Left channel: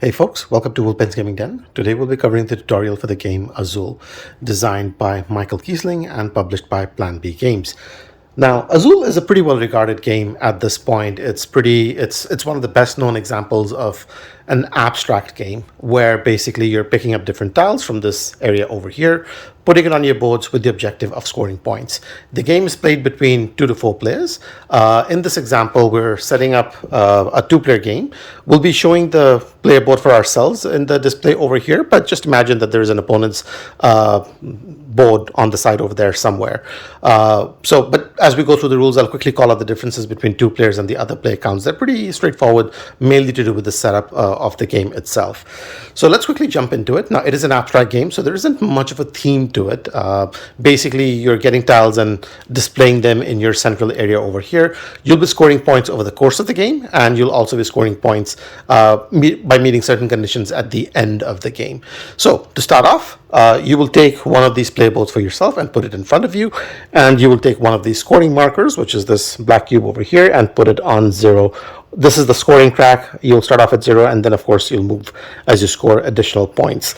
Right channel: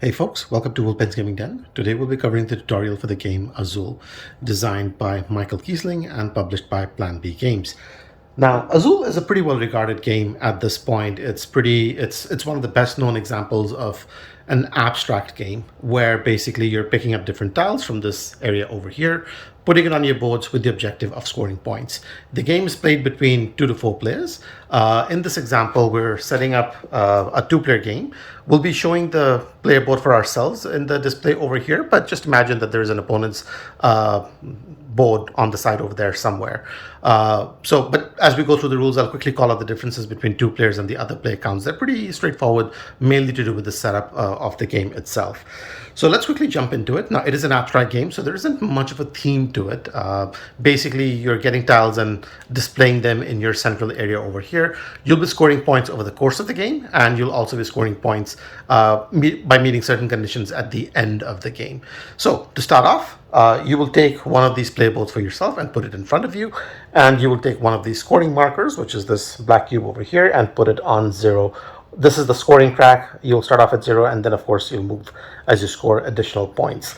Hey folks, welcome to Wolpen's Gaming Den. Today we'll be covering the tutorial for the game Azul, designed by Michael Kiesling and published by Plan B Games. Now, Azul is a pretty well-regarded game at this point. It's one of the best-known examples of an abstract game where basically you're picking up different tiles from this area over here, putting it on your boards with the objective of scoring points. The game is played between 2 to 4 players. In this example, we're setting up a 2-player game. We'll be showing the player board for ourselves in the display over here, but just imagine that there's an opponent's board on the side over there somewhere. But as we go through the rules, I'll quickly call out the differences between 2 players and the other player counts. They're pretty straightforward, mainly to do with the setup of the game itself. So let's quickly jump into it. Now, it is an abstract game, so there isn't much of a theme to it. Basically, you're getting tiles and displaying them in your central area over here. You'll be scoring points over the course of the game, and you'll also be scoring points by meeting certain conditions at the end of the game. So to start off, you will take one of these play boards for yourself and put it in front of you, and you will take one of these scoring markers, which is this black cube over here, and put it on 0. This is the scoring track. You'll start off at 0, and then of course you'll move as you score additional points.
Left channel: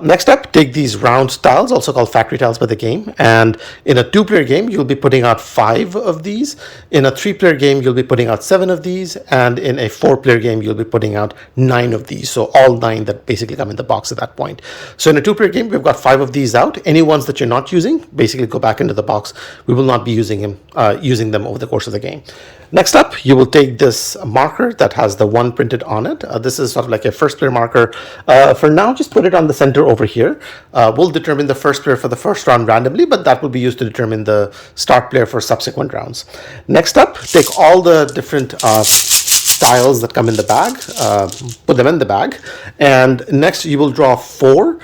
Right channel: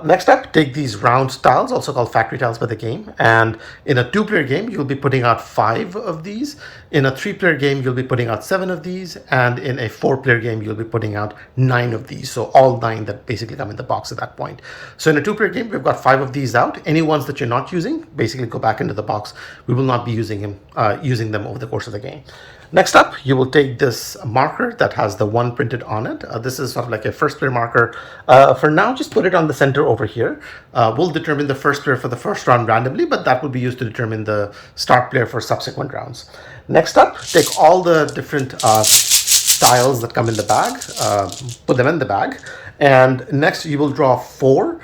Next up, take these round tiles, also called factory tiles by the game, and in a 2-player game, you'll be putting out 5 of these. In a 3-player game, you'll be putting out 7 of these, and in a 4-player game, you'll be putting out 9 of these. So all 9 that basically come in the box at that point. So in a 2-player game, we've got 5 of these out. Any ones that you're not using, basically go back into the box. We will not be using them over the course of the game. Next up, you will take this marker that has the 1 printed on it. This is sort of like a first player marker. For now, just put it on the center over here. We'll determine the first player for the first round randomly, but that will be used to determine the start player for subsequent rounds. Next up, take all the different tiles that come in the bag, put them in the bag, and next you will draw 4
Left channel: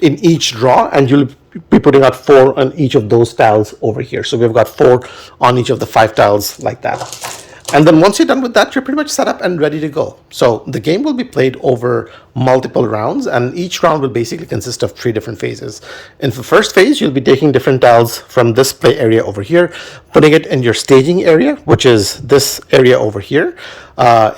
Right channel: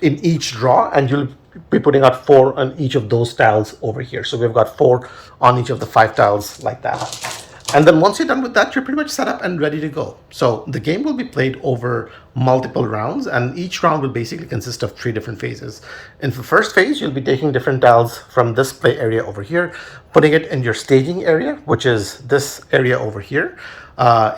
in each draw, and you'll be putting out 4 on each of those tiles over here. So we've got 4 on each of the 5 tiles like that. And then once you're done with that, you're pretty much set up and ready to go. So the game will be played over multiple rounds, and each round will basically consist of 3 different phases. In the first phase, you'll be taking different tiles from this play area over here, putting it in your staging area, which is this area over here.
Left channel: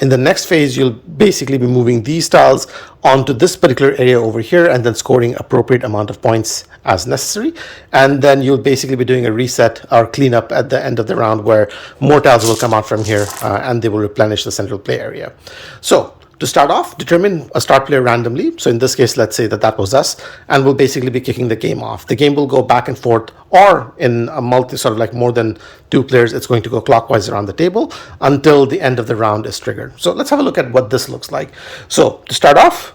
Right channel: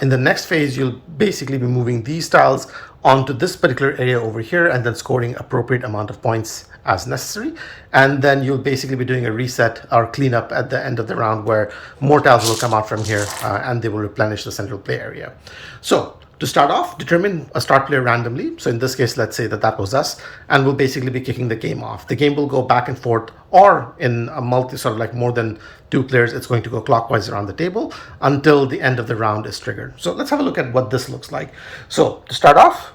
In the next phase, you'll basically be moving these tiles onto this particular area over here and then scoring appropriate amount of points as necessary. And then you'll basically be doing a reset or cleanup at the end of the round where more tiles will come out from here and they will replenish the central play area. So to start off, determine a start player randomly. So in this case, let's say that was us, and we'll basically be kicking the game off. The game will go back and forth, or in a sort of like more than 2 players, it's going to go clockwise around the table until the end of the round is triggered. So let's have a look at what this looks like. So to start off,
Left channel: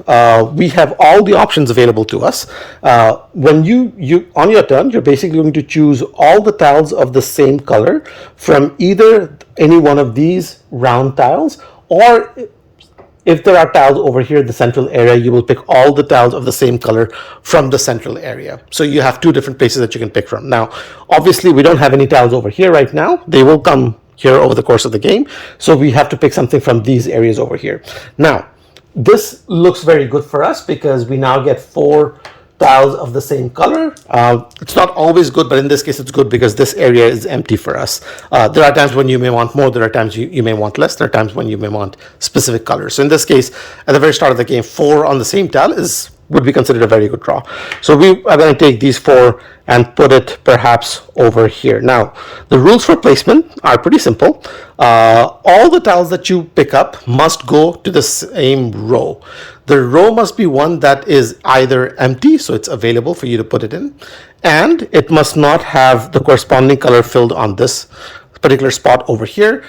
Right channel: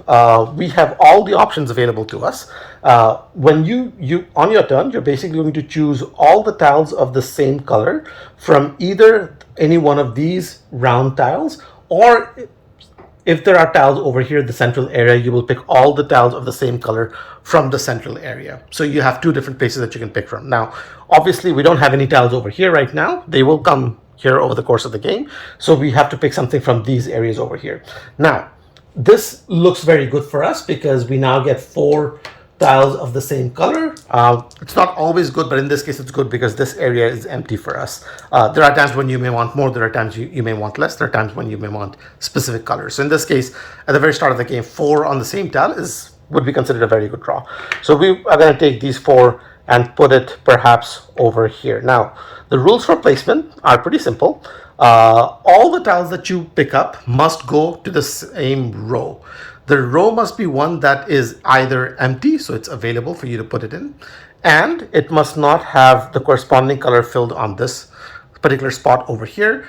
we have all the options available to us. When you on your turn, you're basically going to choose all the tiles of the same color from either any one of these round tiles, or if there are tiles over here, the central area, you will pick all the tiles of the same color from the central area. So you have 2 different places that you can pick from. Now, obviously, we don't have any tiles over here right now. They will come here over the course of the game. So we have to pick something from these areas over here. Now, this looks very good for us because we now get 4 tiles of the same color. It's not always good, but in this case it's good because this area is empty for us. There are times when you may want more, there are times you may want less, there are times when you may want specific colors. So in this case, at the very start of the game, 4 on the same tile would be considered a very good draw. So we are going to take these 4 and put it perhaps over here. Now, the rules for placement are pretty simple. All the tiles that you pick up must go to the same row. The row must be one that is either empty, so it's available for you to put it in, and it must not have the corresponding color filled on this particular spot over here,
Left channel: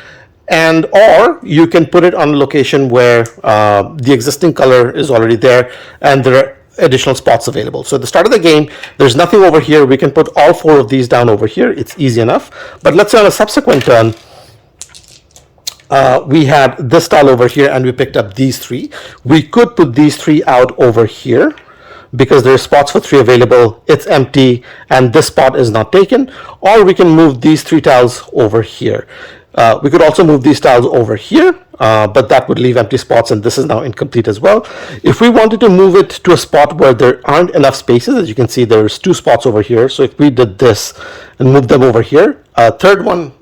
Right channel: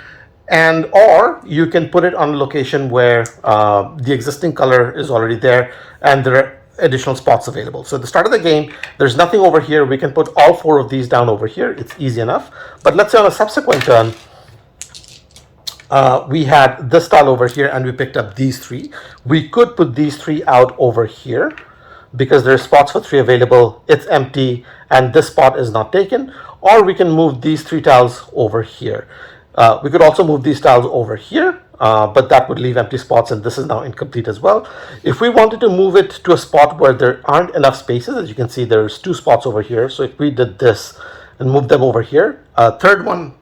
and or you can put it on a location where the existing color is already there and there are additional spots available. So at the start of the game, there's nothing over here. We can put all 4 of these down over here. It's easy enough. But let's say on a subsequent turn, we had this tile over here and we picked up these 3. We could put these 3 out over here because there are spots for 3 available. It's empty and this spot is not taken. Or we can move these 3 tiles over here. We could also move these tiles over here, but that would leave empty spots, and this is now incomplete as well. If we wanted to move it to a spot where there aren't enough spaces, as you can see, there's 2 spots over here. So if we did this and moved them over here, third one,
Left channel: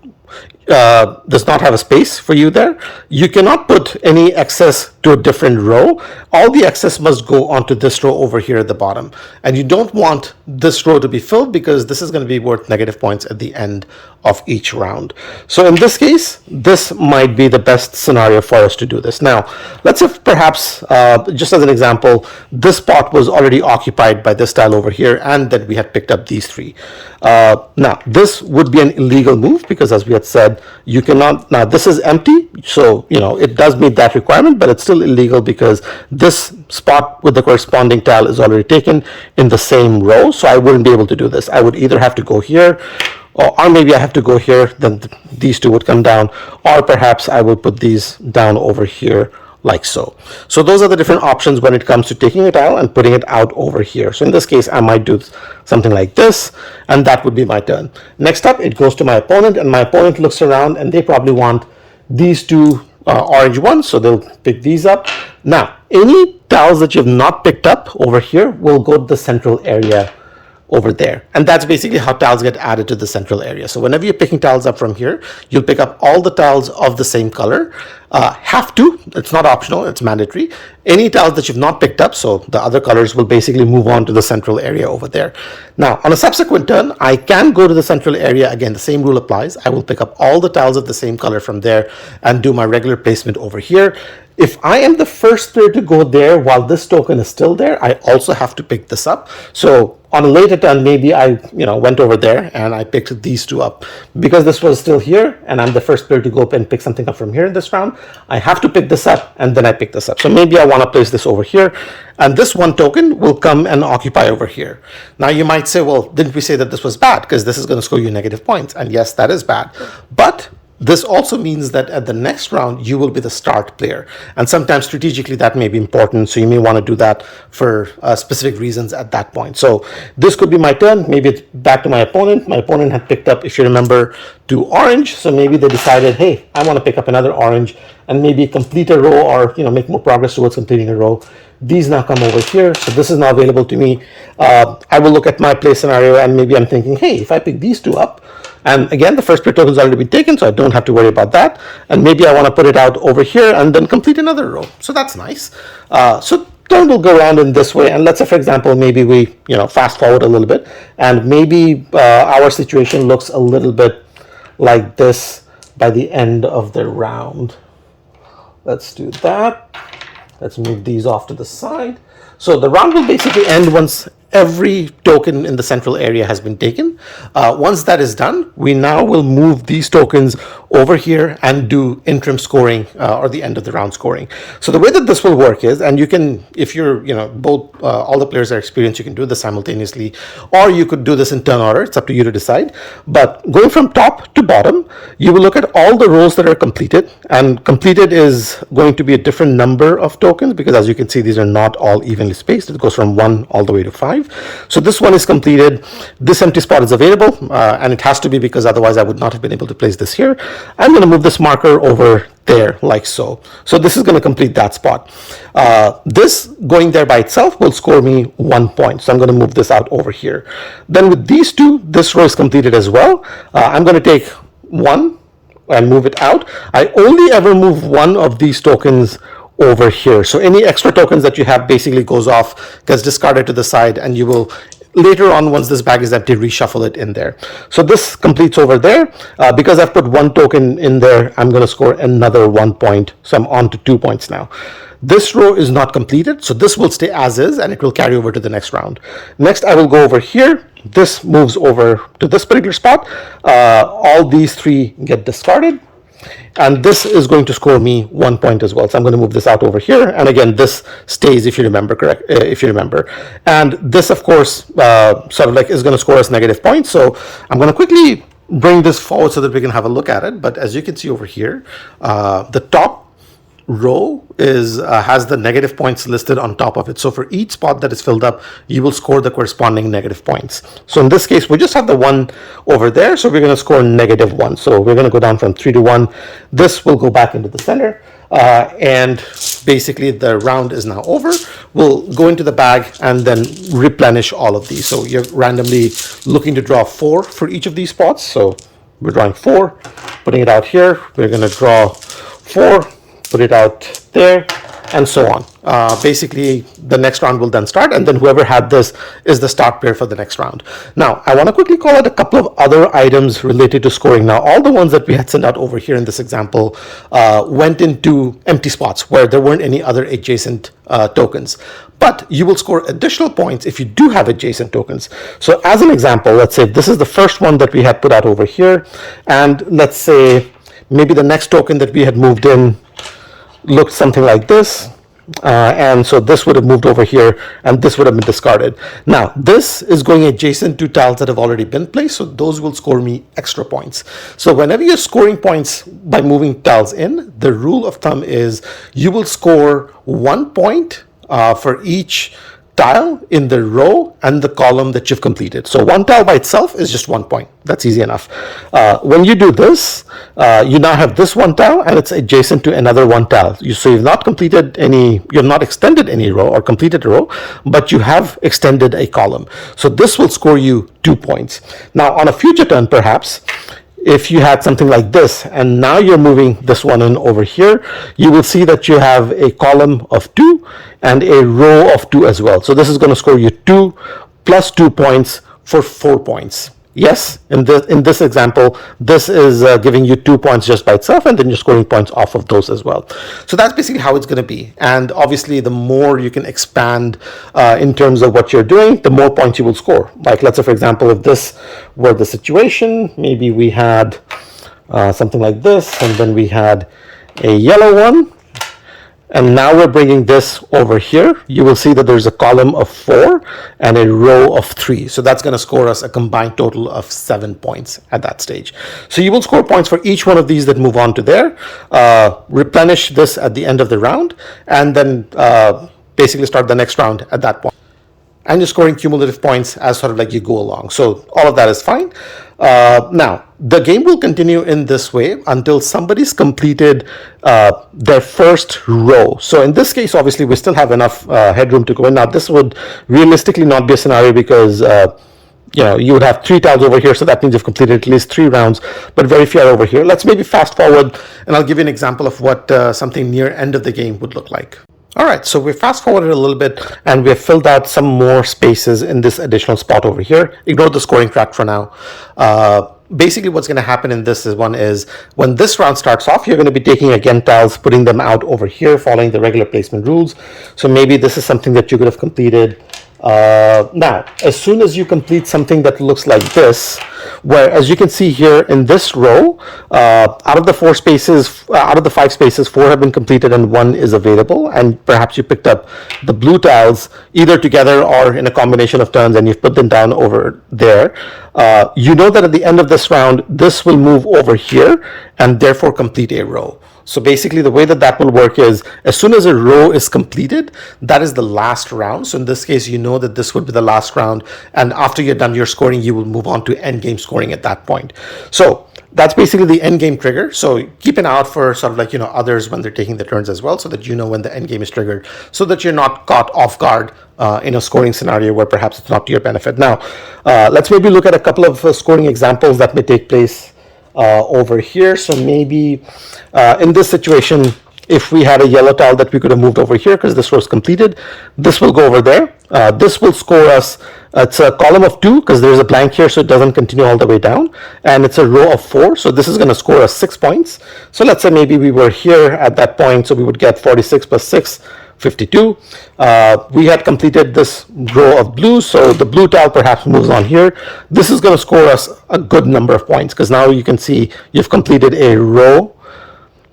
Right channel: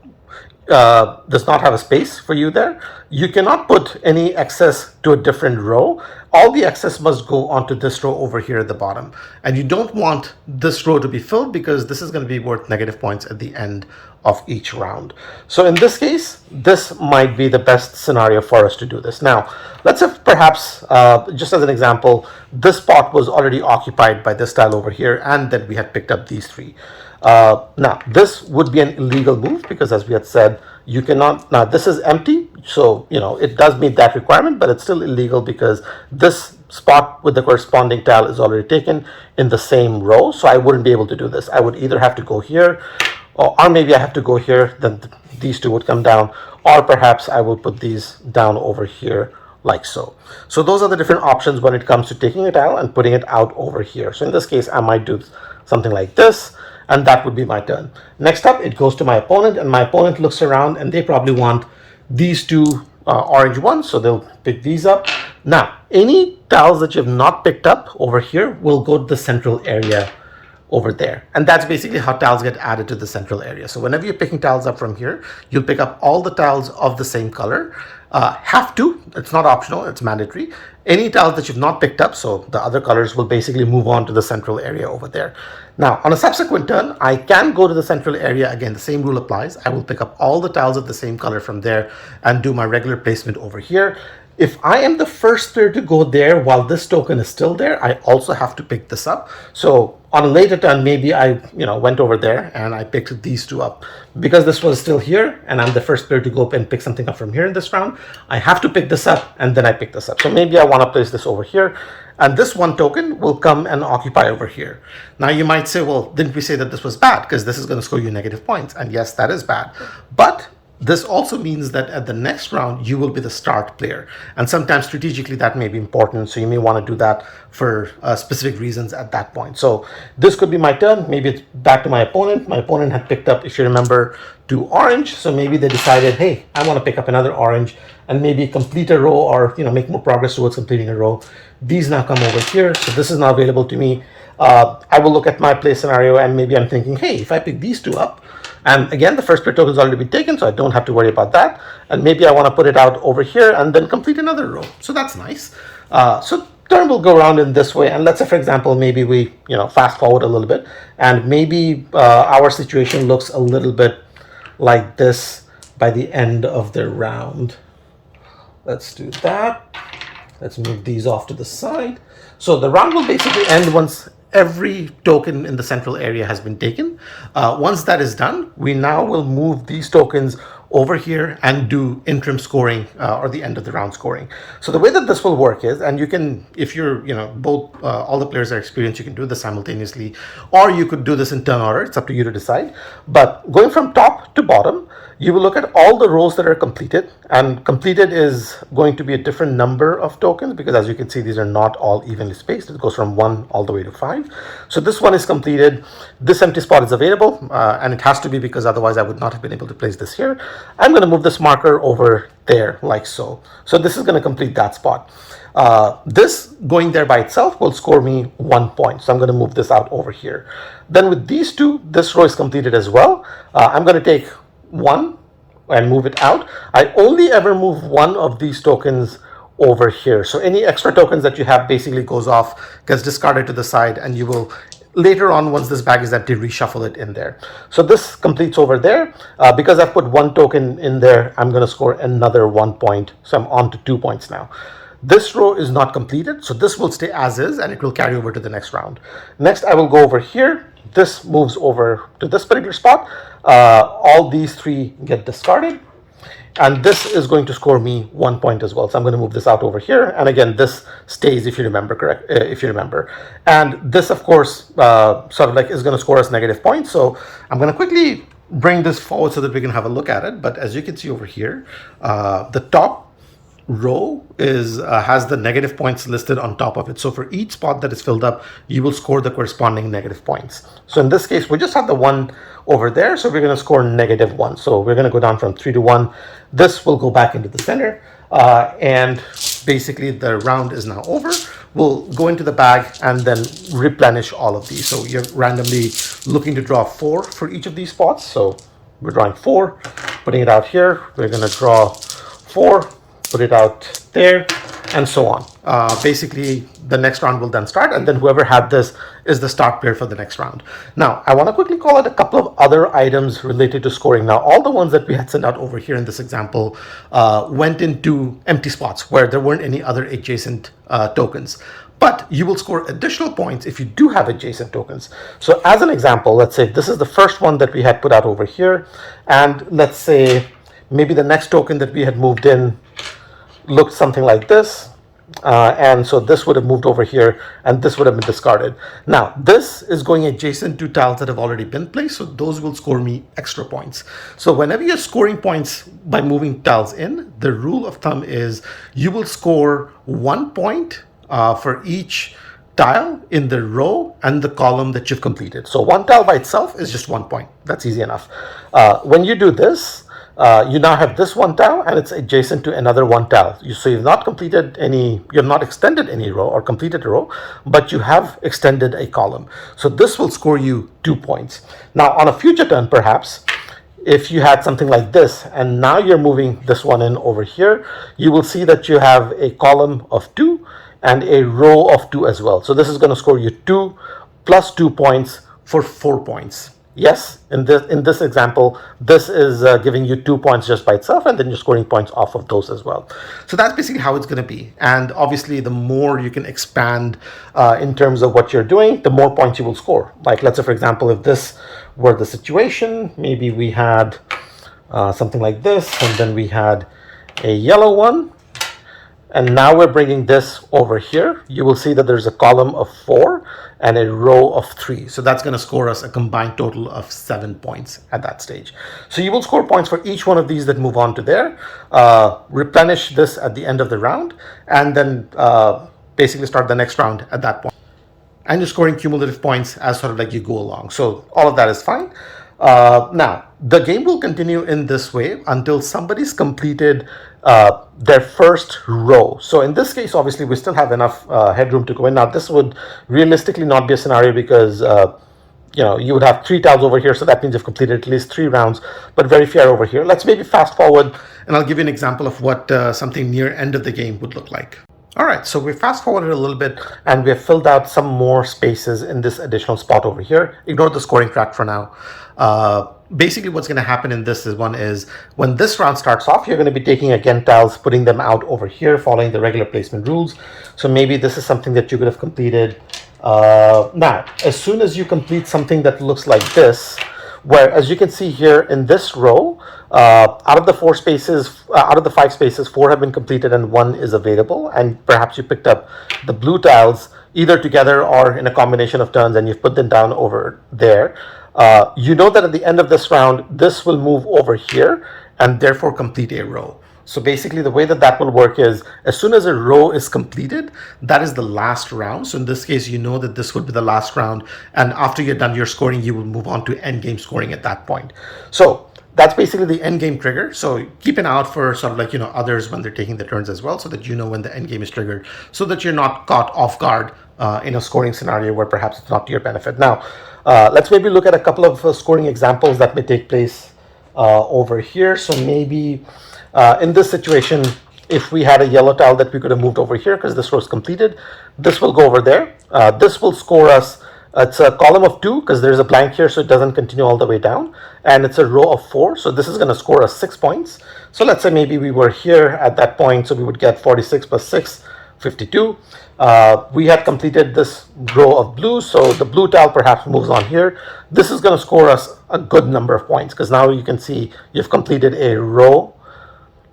does not have a space for you there, you cannot put any excess to a different row. All the excess must go onto this row over here at the bottom. And you don't want this row to be filled because this is going to be worth negative points at the end of each round. So in this case, this might be the best scenario for us to do this. Now, let's say perhaps, just as an example, this spot was already occupied by this tile over here, and then we had picked up these three. Now, this would be an illegal move because, as we had said, you cannot. Now, this is empty, so it does meet that requirement, but it's still illegal because this spot with the corresponding tile is already taken in the same row. So I wouldn't be able to do this. I would either have to go here, or maybe I have to go here. Then these two would come down, or perhaps I will put these down over here, like so. So those are the different options when it comes to taking a tile and putting it out over here. So in this case, I might do something like this, and that would be my turn. Next up, it goes to my opponent, and my opponent looks around, and they probably want these two orange ones, so they'll pick these up. Now, any tiles that you've not picked up over here will go to the central area over there. And that's basically how tiles get added to the central area. So whenever you're picking tiles up from here, you'll pick up all the tiles of the same color. Have to, it's not optional, it's mandatory. Any tiles that you've not picked up, so the other colors, will basically move on to the central area over there. Now, on a subsequent turn, I can go to the central area. Again, the same rule applies. I will pick up all the tiles of the same color from there and do my regular placement over here. If I am the first player to go there while this token is still there, I also have to pick this up. So on a later turn, maybe I went over there and I picked these two up. Because this was still here and I'm the first player to go up and pick something up from here in this round, I have to pick this up and then I pick this up. So maybe I want to place this over here, and this one token will come and occupy over here. Now you might say, well, didn't we say that this was bad? Because this is going to score you negative points. And yes, that is bad. But this also means that at the next round, you will be the start player. And sometimes strategically that may be important. So you may want to do that for specific reasons at that point. So this could be my turn. Maybe it's back to my opponent. My opponent had picked up, if you remember, 2 orange. So maybe they decided, hey, I want to pick up another orange and maybe complete a row, or make more progress towards completing a row. These now come over here. So this is now available to me. I will look at my play scenario and maybe I'm thinking, hey, if I pick these two up, and again, the first player token has already been taken, so I don't have to worry about that. And maybe I want to put it out over here and then complete another row. So that's nice. So turn will go around in this way. And let's say, for example, maybe we fast forward a little bit, and maybe our situation looks a little bit like this by the end of the round. Let's do that. Let's move these off to the side. So the round will basically end once every token in the central area has been taken. Once that is done, we now will move these tokens over here and do interim scoring, or the end of the round scoring. So the way that this will work is, and you can, if you're, both, all the players are experienced, you can do this simultaneously, or you could do this in turn order. It's up to you to decide. But going from top to bottom, you will look at all the rows that are completed, and completed is going to be a different number of tokens because, as you can see, these are not all evenly spaced. It goes from 1 all the way to 5. So this one is completed. This empty spot is available, and it has to be because otherwise I would not have been able to place this here. I'm going to move this marker over there like so. So this is going to complete that spot. This going there by itself will score me 1 point. So I'm going to move this out over here. Then with these two, this row is completed as well. I'm going to take 1 and move it out. I only ever move 1 of these tokens over here. So any extra tokens that you have basically goes off, gets discarded to the side, and you will later on, once this bag is empty, reshuffle it in there. So this completes over there. Because I've put 1 token in there, I'm going to score another 1 point. So I'm on to 2 points now. This row is not completed, so this will stay as is, and it will carry over to the next round. Next, I will go over here. This moves over to this particular spot. All these 3 get discarded. And this is going to score me 1 point as well. So I'm going to move this out over here. And again, this stays, if you remember, correct? If you remember. And this, of course, sort of like is going to score us negative points. So I'm going to quickly bring this forward so that we can have a look at it. But as you can see over here, the top row is has the negative points listed on top of it. So for each spot that is filled up, you will score the corresponding negative points. So in this case, we just have the 1 over there. So we're going to score -1. So we're going to go down from 3 to 1. This will go back into the center. And basically the round is now over. We'll go into the bag and then replenish all of these. So you're randomly looking to draw 4 for each of these spots. So we're drawing 4, putting it out here. We're going to draw 4, put it out there, and so on. Basically, the next round will then start, and then whoever had this is the start player for the next round. Now, I want to quickly call out a couple of other items related to scoring. Now, all the ones that we had sent out over here in this example went into empty spots where there weren't any other adjacent tokens. But you will score additional points if you do have adjacent tokens. So as an example, let's say this is the first one that we had put out over here. And let's say maybe the next token that we had moved in looked something like this. And so this would have moved over here, and this would have been discarded. Now, this is going adjacent to tiles that have already been placed, so those will score me extra points. So whenever you're scoring points by moving tiles in, the rule of thumb is you will score 1 point for each tile in the row and the column that you've completed. So one tile by itself is just 1 point. That's easy enough. When you do this, you now have this one tile and it's adjacent to another one tile. So you've not completed any, you've not extended any row or completed a row, but you have extended a column. So this will score you 2 points. Now on a future turn, perhaps, if you had something like this, and now you're moving this one in over here, you will see that you have a column of 2 and a row of 2 as well. So this is going to score you 2 plus 2 points for 4 points. Yes, in this example, this is giving you 2 points just by itself, and then you're scoring points off of those as well. So that's basically how it's going to be. And obviously, the more you can expand in terms of what you're doing, the more points you will score. Like, let's say, for example, if this were the situation, maybe we had something like this, and then we had a yellow one. And now we're bringing this over here. You will see that there's a column of 4 and a row of 3. So that's going to score us a combined total of 7 points at that stage. So you will score points for each one of these that move on to there, replenish this at the end of the round, and then basically start the next round at that point. And you're scoring cumulative points as sort of like you go along. So all of that is fine. Now, the game will continue in this way until somebody's completed their first row. So in this case, obviously, we still have enough headroom to go in. Now, this would realistically not be a scenario because you would have 3 tiles over here, so that means you've completed at least 3 rounds, but very few are over here. Let's maybe fast forward, and I'll give you an example of what something near end of the game would look like. All right, so we fast forwarded a little bit and we have filled out some more spaces in this additional spot over here. Ignore the scoring track for now. Basically what's going to happen in this one is when this round starts off, you're going to be taking again tiles, putting them out over here, following the regular placement rules. So maybe this is something that you could have completed. Now, as soon as you complete something that looks like this, where, as you can see here in this row, out of the 5 spaces, 4 have been completed and 1 is available. And perhaps you picked up the blue tiles either together or in a combination of turns, and you've put them down over there. You know that at the end of this round, this will move over here and therefore complete a row. So basically the way that will work is as soon as a row is completed, that is the last round. So in this case, you know that this would be the last round. And after you're done your scoring, you will move on to end game scoring at that point. So that's basically the end game trigger. So keep an eye out for sort of like, others when they're taking the turns as well, so that you know when the end game is triggered, so that you're not caught off guard in a scoring scenario where perhaps it's not to your benefit. Now, let's maybe look at a couple of scoring examples that may take place over here. So maybe in this situation, if we had a yellow tile that we could have moved over here because this was completed, this will go over there. This will score us, it's a column of 2 because there's a blank here, so it doesn't continue all the way down. And it's a row of 4, so this is going to score us 6 points. So let's say maybe we were here at that point, so we would get 46 plus 6, 52. We had completed this row of blue, so the blue tile perhaps moves on here. This is going to score us a good number of points because now you can see you've completed a row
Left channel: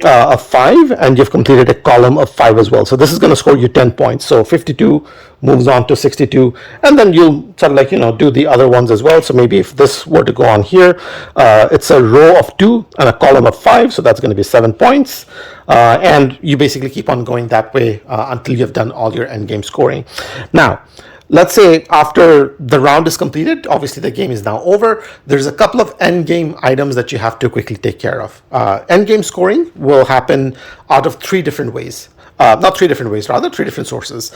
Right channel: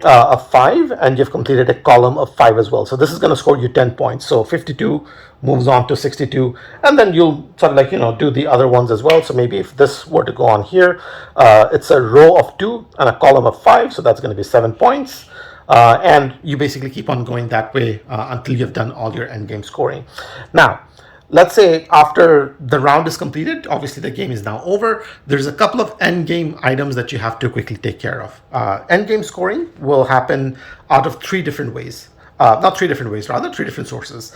of 5 and you've completed a column of 5 as well. So this is going to score you 10 points. So 52 moves on to 62, and then you'll sort of like, do the other ones as well. So maybe if this were to go on here, it's a row of 2 and a column of 5. So that's going to be 7 points. And you basically keep on going that way until you've done all your end game scoring. Now, let's say after the round is completed, obviously the game is now over. There's a couple of end game items that you have to quickly take care of. End game scoring will happen out of 3 different ways. Not 3 different ways, rather 3 different sources.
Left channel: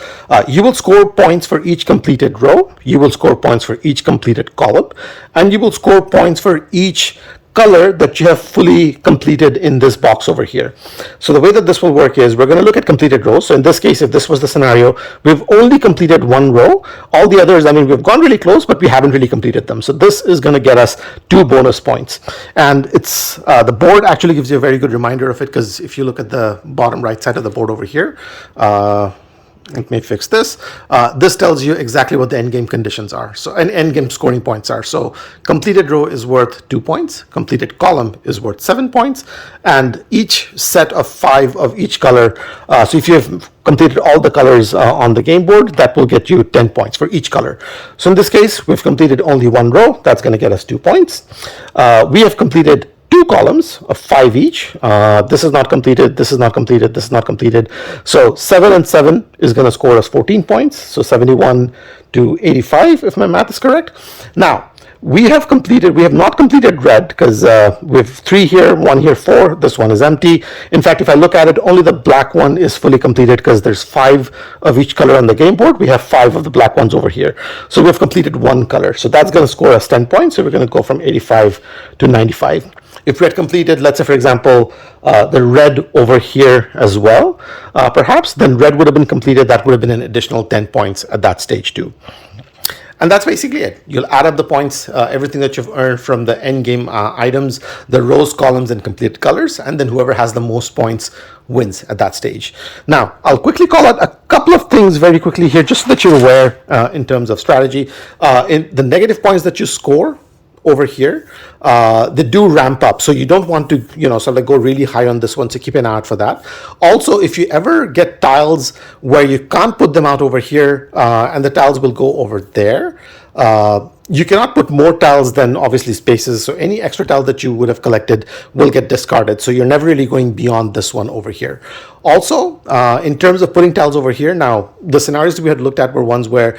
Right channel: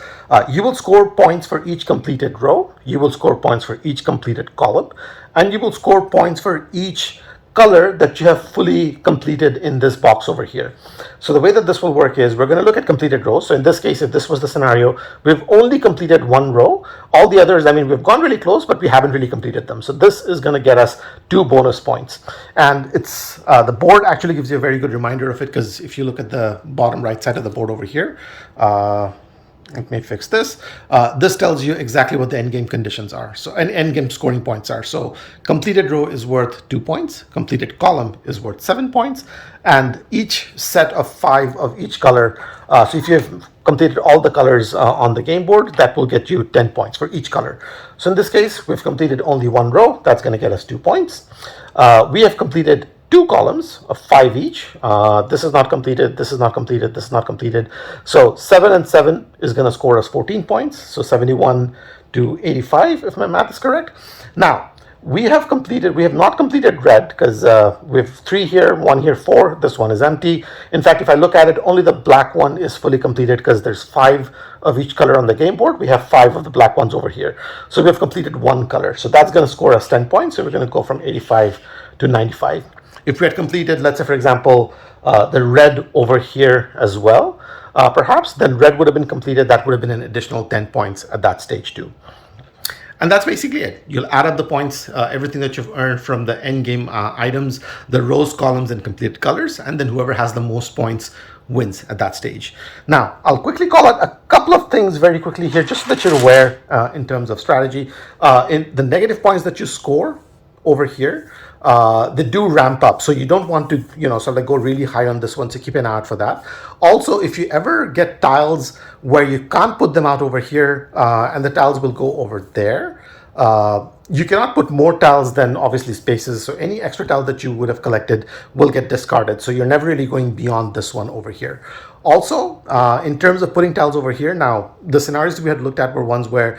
You will score points for each completed row. You will score points for each completed column. And you will score points for each color that you have fully completed in this box over here. So the way that this will work is we're going to look at completed rows. So in this case, if this was the scenario, we've only completed one row. All the others, I mean, we've gone really close, but we haven't really completed them. So this is going to get us 2 bonus points. And it's the board actually gives you a very good reminder of it, because if you look at the bottom right side of the board over here, let me fix this. This tells you exactly what the endgame conditions are. So, and endgame scoring points are. So, completed row is worth 2 points. Completed column is worth 7 points. And each set of 5 of each color. So, if you have completed all the colors on the game board, that will get you 10 points for each color. So, in this case, we've completed only one row. That's going to get us 2 points. We have completed 2 columns of 5 each. This is not completed, this is not completed, this is not completed. So 7 and 7 is going to score us 14 points. So 71 to 85, if my math is correct. Now, we have not completed red, because we have 3 here, 1 here, 4. This one is empty. In fact, if I look at it, only the black one is fully completed, because there's 5 of each color on the game board. We have 5 of the black ones over here. So we've completed 1 color. So that's going to score us 10 points. So we're going to go from 85 to 95. If we had completed, let's say, for example, the red over here as well, perhaps, then red would have been completed. That would have been an additional 10 points at that stage too. And that's basically it. You'll add up the points, everything that you've earned from the end game items, the rows, columns, and completed colors, and then whoever has the most points wins at that stage. Now, I'll quickly call out a couple of things very quickly here, just so that you're aware in terms of strategy. In the negative points that you score over here, they do ramp up. So you don't want to, sort of like go really high on this one. So keep an eye out for that. Also, if you ever get tiles where you can't put them out over here, and the tiles will go over there, you cannot put more tiles than obviously spaces. So any extra tile that you would have collected will get discarded. So you're never really going beyond this one over here. Also, in terms of putting tiles over here, now the scenarios that we had looked at were ones where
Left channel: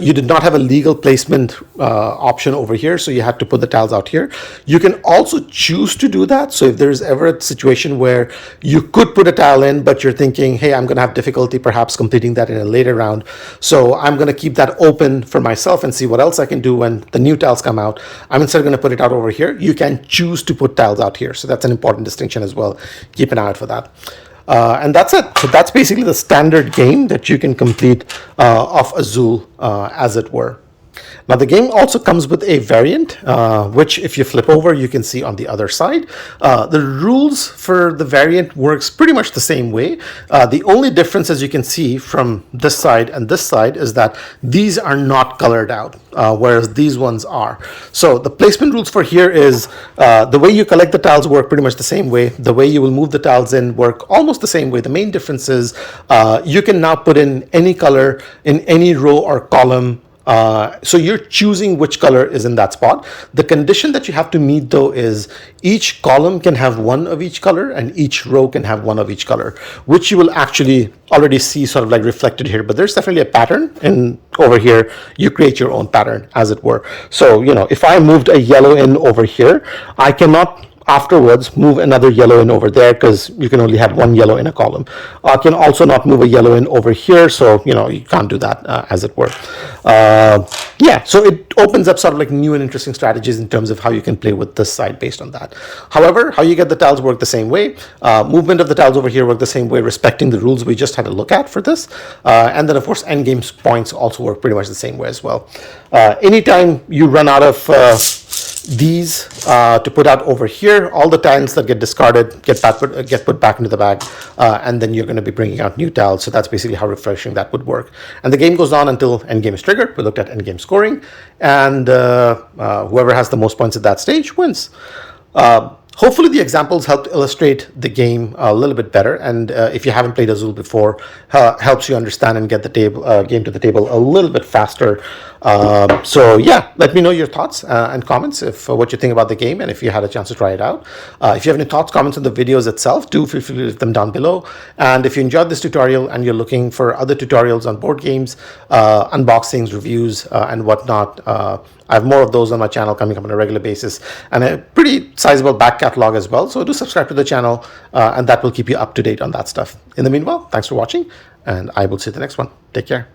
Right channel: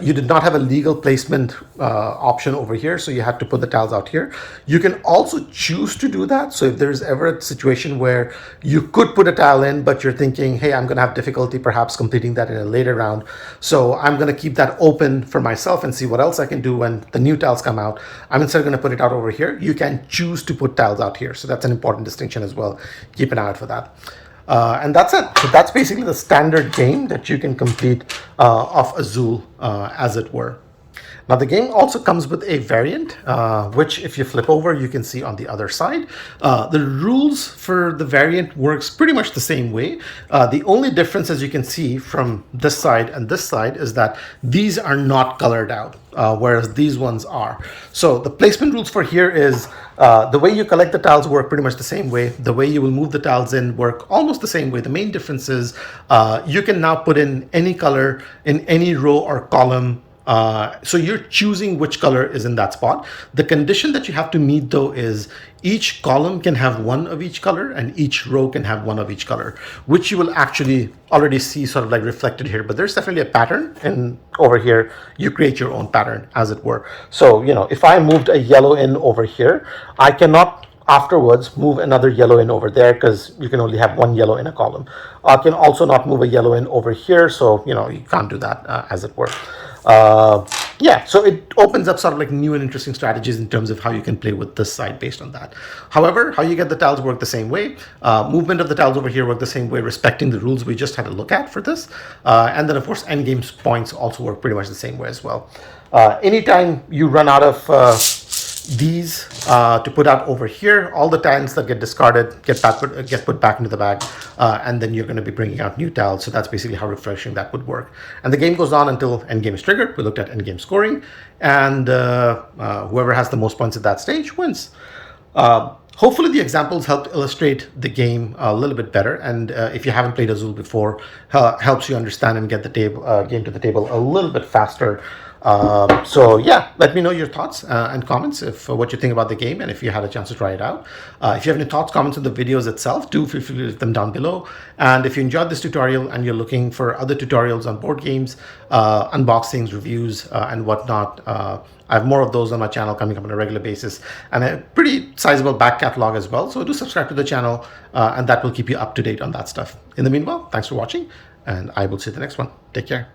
you did not have a legal placement option over here, so you had to put the tiles out here. You can also choose to do that. So if there's ever a situation where you could put a tile in, but you're thinking, hey, I'm going to have difficulty perhaps completing that in a later round, so I'm going to keep that open for myself and see what else I can do when the new tiles come out. I'm instead going to put it out over here. You can choose to put tiles out here. So that's an important distinction as well. Keep an eye out for that. And that's it. So that's basically the standard game that you can complete of Azul, as it were. Now, the game also comes with a variant, which if you flip over, you can see on the other side. The rules for the variant works pretty much the same way. The only difference, as you can see from this side and this side, is that these are not colored out, whereas these ones are. So the placement rules for here is the way you collect the tiles work pretty much the same way. The way you will move the tiles in work almost the same way. The main difference is you can now put in any color in any row or column. So you're choosing which color is in that spot. The condition that you have to meet, though, is each column can have 1 of each color and each row can have 1 of each color, which you will actually already see sort of like reflected here. But there's definitely a pattern, and over here you create your own pattern, as it were. So, if I moved a yellow in over here, I cannot afterwards move another yellow in over there, because you can only have 1 yellow in a column. I can also not move a yellow in over here, so you can't do that, as it were. So it opens up sort of like new and interesting strategies in terms of how you can play with this side based on that. However, how you get the tiles work the same way. Movement of the tiles over here work the same way, respecting the rules we just had a look at for this. And then, of course, endgame points also work pretty much the same way as well. Anytime you run out of these to put out over here, all the tiles that get discarded get put back into the bag, and then you're going to be bringing out new tiles. So that's basically how refreshing that would work. And the game goes on until endgame is triggered. We looked at endgame scoring, and whoever has the most points at that stage wins. Hopefully the examples helped illustrate the game a little bit better, and if you haven't played Azul before, helps you understand and get the game to the table a little bit faster. So yeah, let me know your thoughts and comments if what you think about the game, and if you had a chance to try it out. If you have any thoughts, comments on the videos itself, do feel free to leave them down below. And if you enjoyed this tutorial and you're looking for other tutorials on board games, unboxings, reviews, and whatnot, I have more of those on my channel coming up on a regular basis, and a pretty sizable back catalog as well. So do subscribe to the channel, and that will keep you up to date on that stuff. In the meanwhile, thanks for watching, and I will see you in the next one. Take care.